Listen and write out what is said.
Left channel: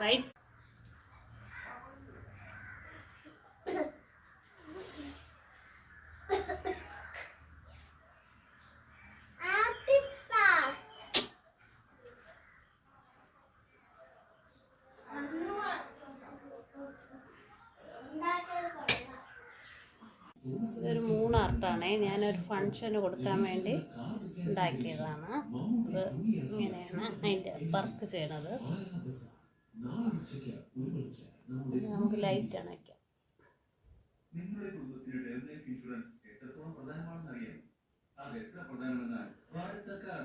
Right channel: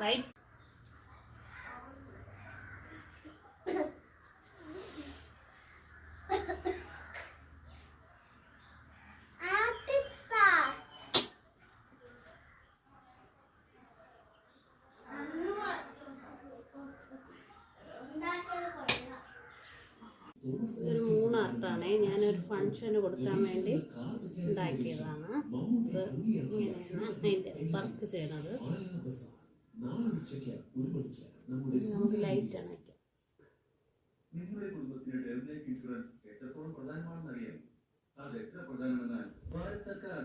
right? ഇതൊരു 3 ആർട്ടാണേ. ഞാനൊരു ഫങ്ഷന് കൊടുക്കാൻ വേണ്ടി ഉണ്ടാക്കിയതാണ്. ഇത് ഇങ്ങനെയാണ് അതിൻ്റെ വർക്ക് ചെയ്യണത്. നമുക്ക് ലൈറ്റാണ് വയ്ക്കാം. നിങ്ങളുടെ കുടുംബത്തിന് ടേം ലൈഫ് ഇൻഷുറൻസ് എത്രത്തോളം പ്രധാനമാണെന്ന് അറിയാം. അത് എത്ര പ്രധാനമെന്നാൽ ഭാരത് സർക്കാർ